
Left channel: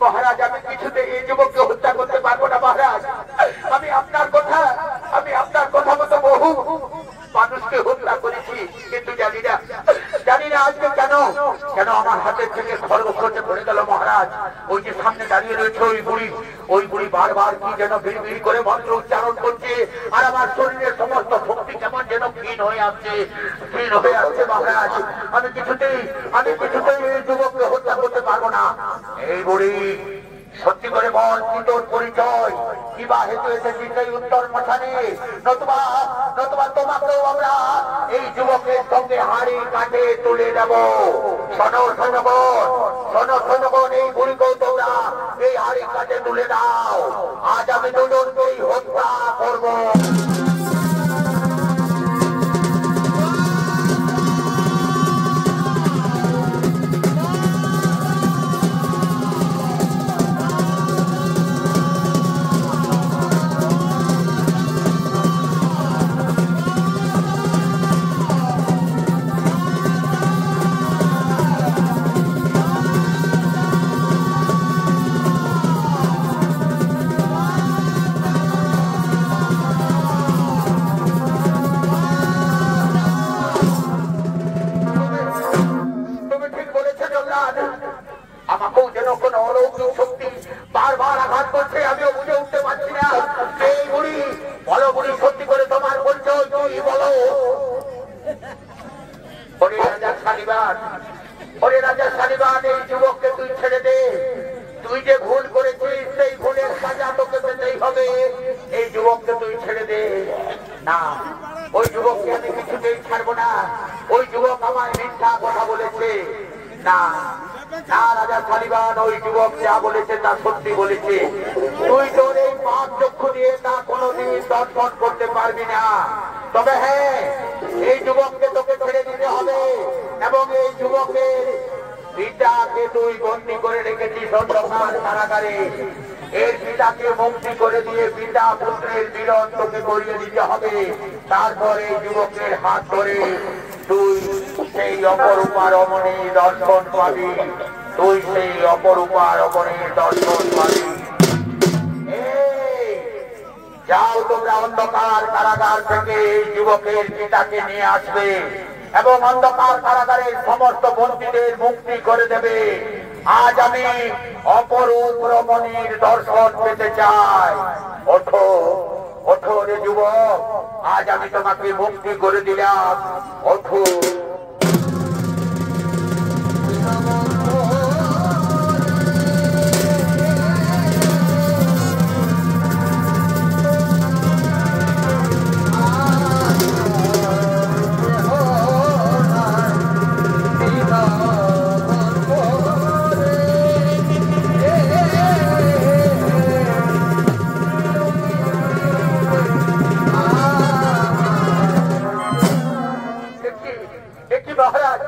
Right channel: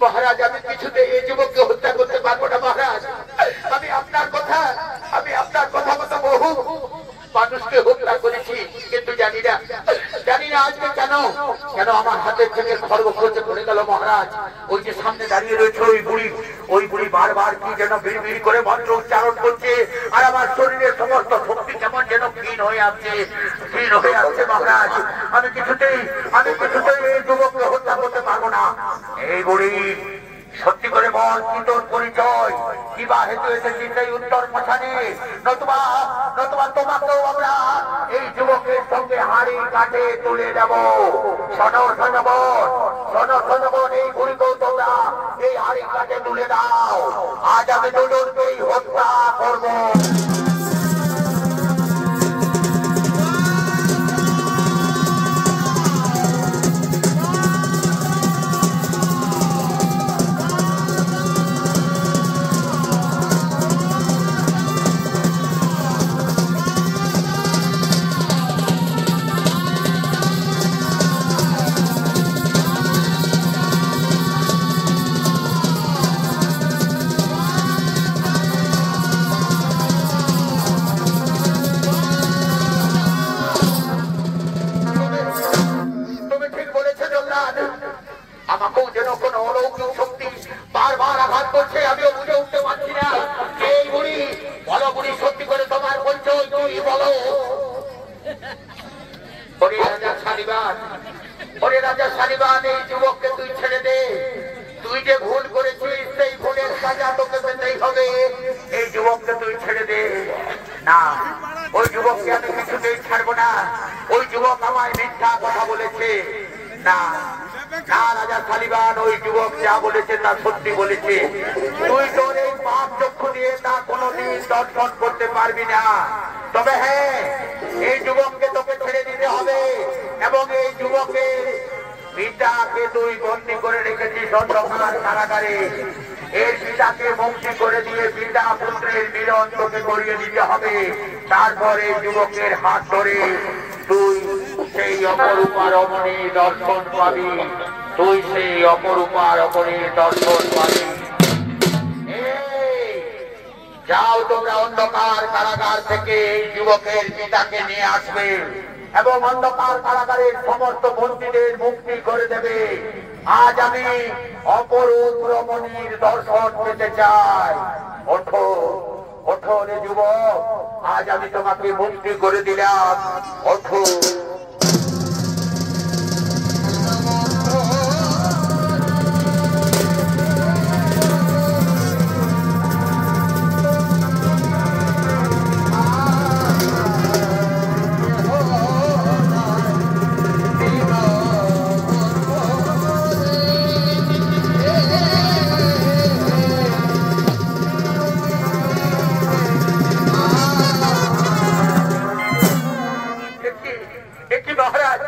মহারাজ, আমি কিছুতে এই যুবককে হত্যা করতে পারবো না মহারাজ। আমি আপনার কথা মতো বহু মানুষকে হত্যা করেছি, কিন্তু জানি না আজকে কেন আমার হাতের থেকে খর্ব করতে পড়ে গেল মহারাজ। ওই যে সামনে দাঁড়িয়ে রয়েছে ওই বুড়ি বারবার কি যেন বিড়বিড় করে মন্ত্র উচ্চারণ করছে, আর আমার শরীরের সমস্ত শক্তি কেমন যেন ক্ষীণ হয়ে আসছে মহারাজ। আমি কিছুতেই এই যুবককে হত্যা করতে পারবো না। এই বুড়ি সত্যি করে বল, কি তোর পরিচয়? কিবা হেতু এসেছিস সেই উত্তর মশানে, নতুবা তোমাকেও আমরা এই যুবকের সঙ্গে হাড়ি কাটে তুলে দেব। শোনো এই বুড়িকেও তোমরা এই হাড়ি কাটে তুলে দাও। আজ আমি দুজনকেই হত্যা করবো। আমাকেও যেন কোন অলৌকিক শক্তি বারবার আঘাত করছে, আমিও বুঝে উঠতে পারছি না। এই বুড়ি বলো, বুড়ি সত্যি করে তোমার পরিচয় কি বলো? ওরে রাজা শালিবান, এই যুবককে তুই ছেড়ে দে। তুই যে ভুল করেছিস সেই ভুলের সাজা তোকে পেতেই হবে। এই যুবককে তুই ছেড়ে দে। না, ওই যুবককে আমি কিছুতেই ছাড়বো না। ওই যুবক আমায় মিথ্যা কথা বলেছে। না রাজা শালিবান, ওই যুবক যা বলেছে তা সত্যি বলেছে। তুই তোর এই পাপ চক্ষু দিয়ে তা কোনোদিন দর্শন করতে পারবি না। তবে হ্যাঁ, এই যুবককে তোকে ছেড়ে দিতে হবে, এবং এই যুবকের পিতাকে তুই বন্দী করে রেখেছিস অন্ধকার কারাগারে। এর পিতাকে মুক্তি করে দিয়ে পিতা পুত্রের মিলন তোকে করিয়ে দিতে হবে। তারপরে যুবকের হাত ধরে তুই সেই অপরূপা রমণী দর্শন পাবি। যাও তোমরা অন্ধকার কারাগার থেকে এই যুবকের পিতাকে নিয়ে আসবে এবং অন্ধকার কারাগারের সমস্ত বন্দীদের মুক্তি করে দেবে। আজ আমি অপরূপ রমণীর দর্শন পেতে চাই। ওঠো রে যুবক, আজ আমি তোমাকে মুক্তি করে দিলাম। ওঠো। মহারাজ,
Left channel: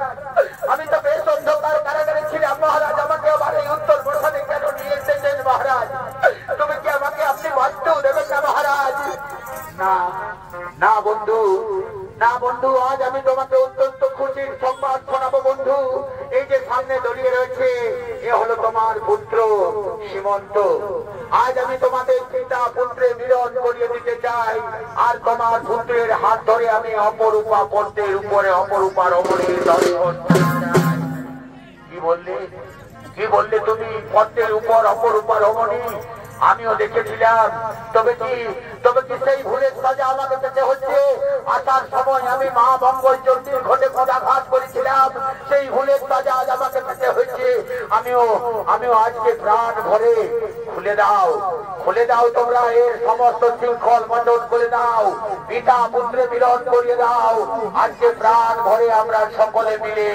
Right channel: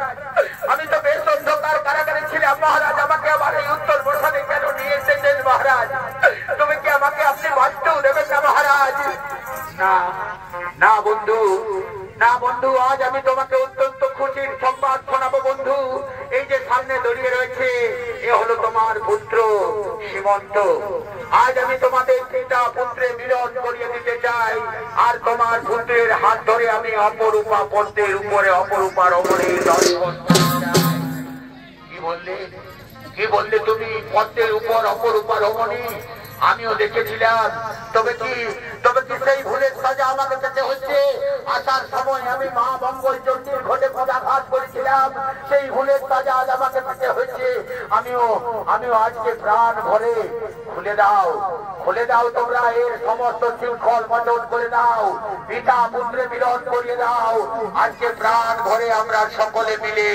আমি তো বেশ অন্ধকার কারাগারে ছিলাম মহারাজ, আমাকে আবার এই উত্তর বসানে কেন নিয়ে এসেছেন মহারাজ? তুমি কি আমাকে আপনি বাঁচতেও দেবেন না মহারাজ? না বন্ধু, আজ আমি তোমাকে অত্যন্ত খুশির সংবাদ শোনাবো বন্ধু। এই যে সামনে দাঁড়িয়ে রয়েছে, এ হলো তোমার পুত্র সীমন্ত। আজ আমি তোমাদের পিতা পুত্রে মিলন করিয়ে দিতে চাই, আর তোমার পুত্রের হাত ধরে আমি অপরূপা পদ্মের উপরে অপরূপা রমণীর দর্শন। কি বললে তুমি? পদ্মের উপর অপরূপা রমণী? আমিও দেখেছিলাম। তবে কি তবে কি সেই ভুলের সাজা আমাকে পেতে হচ্ছে? আসার সময় আমি মা মঙ্গল চণ্ডীর ঘটে পদাঘাত করেছিলাম, সেই ভুলের সাজা আজ আমাকে পেতে হচ্ছে। আমিও আজকে প্রাণ ভরে খুলে দাও তোমরা এর সমস্ত শৃঙ্খল মন্ডল করে দাও, পিতা পুত্রে মিলন করিয়ে দাও। আজকে প্রাণ ভরে আমরা সকলে মিলে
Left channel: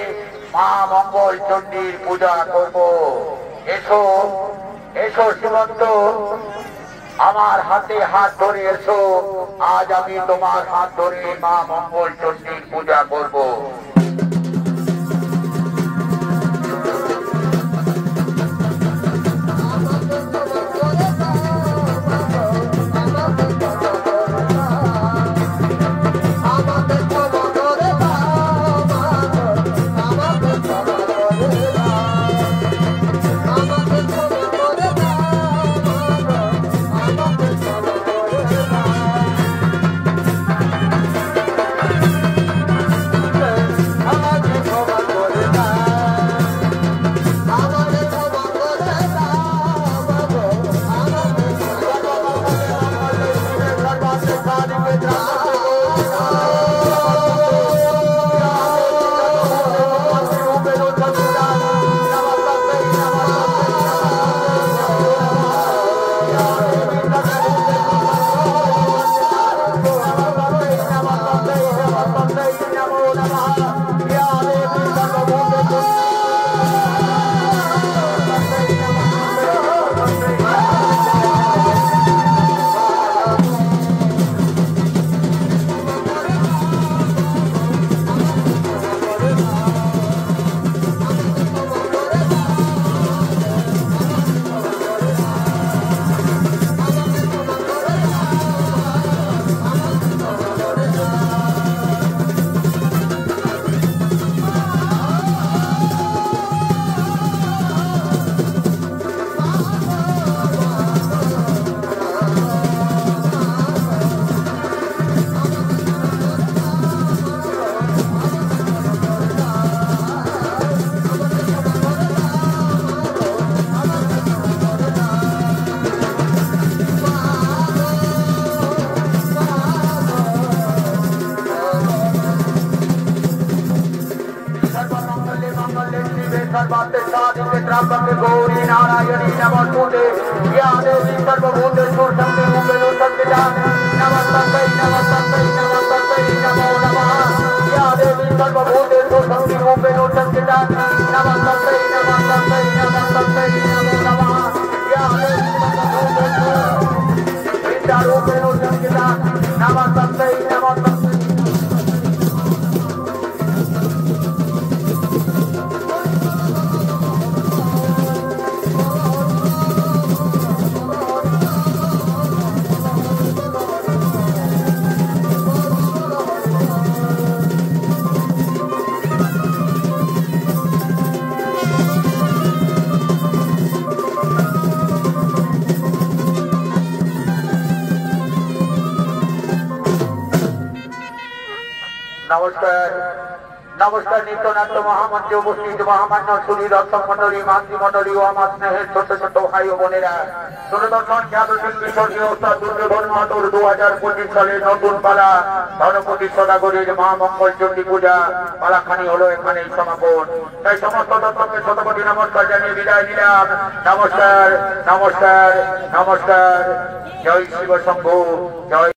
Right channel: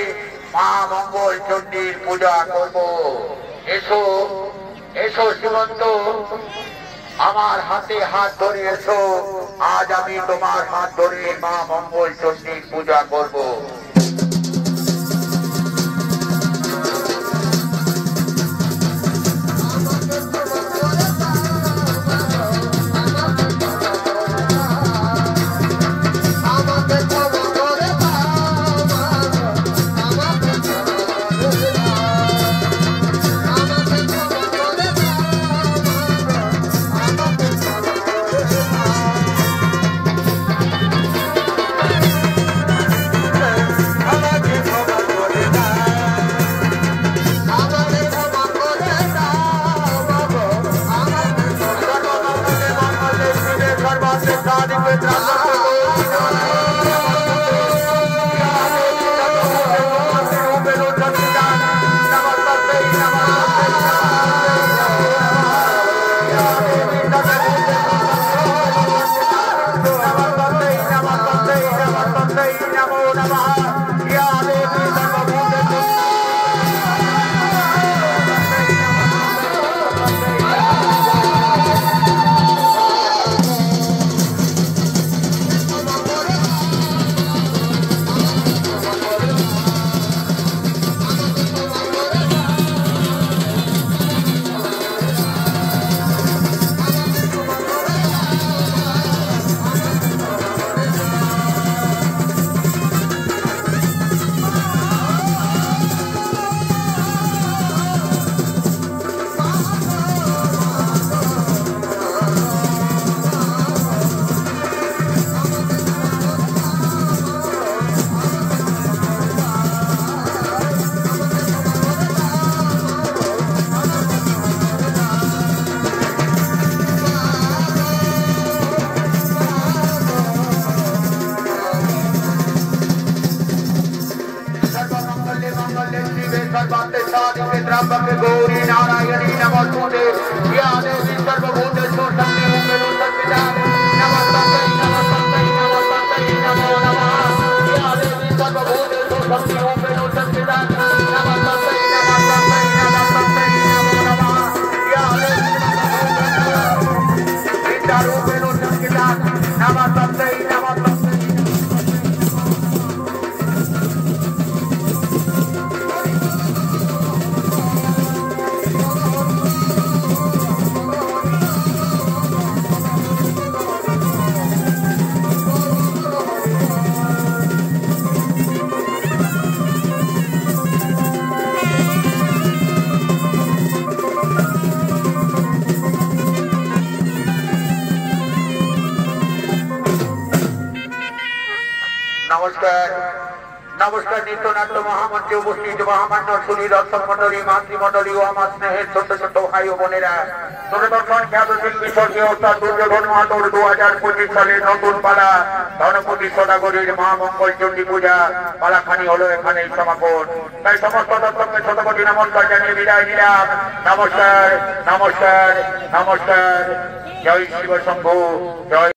মা মঙ্গল চণ্ডীর পূজা করব। এসো এসো সীমন্ত, আমার হাতে হাত ধরে এসো, আজ আমি তোমার হাত ধরে মা মঙ্গল চণ্ডীর পূজা করব। गौरी नारायणी नमस्तुते या देवी सर्वभूतेषु संस्थिता नमस्तै नमस्तै नमस्तै नमो नमः या देवी सर्वभूतेषु संस्थिता नमस्तै नमस्तै नमस्तै नमो नमः या देवी सर्वभूतेषु संस्थिता नमस्तै नमस्तै। नमस्कार नित्यनाथ महामंत्री उपस्थित महामान्य सुधी दर्शक मंडली मातृमंडली और আমার স্নেহের ছোট ছোট ভাই ও বোনেরা, দূরদর্শন খ্যাত শিল্পী স্বর্গীয় অর্থাৎ দুর্যোধন মাহাতোর 2025 সালে নতুন পালা ধনপতি সদাগরীর মা মঙ্গল চণ্ডী পূজা পালাখানি হলো এখানেই সমাপন। তাই সমস্ত দর্শককে শতকোটি নমস্কার জানিয়ে বিদায় দিলাম। নমস্কার নমস্কার নমস্কার। জয় শিব শম্ভু, জয়।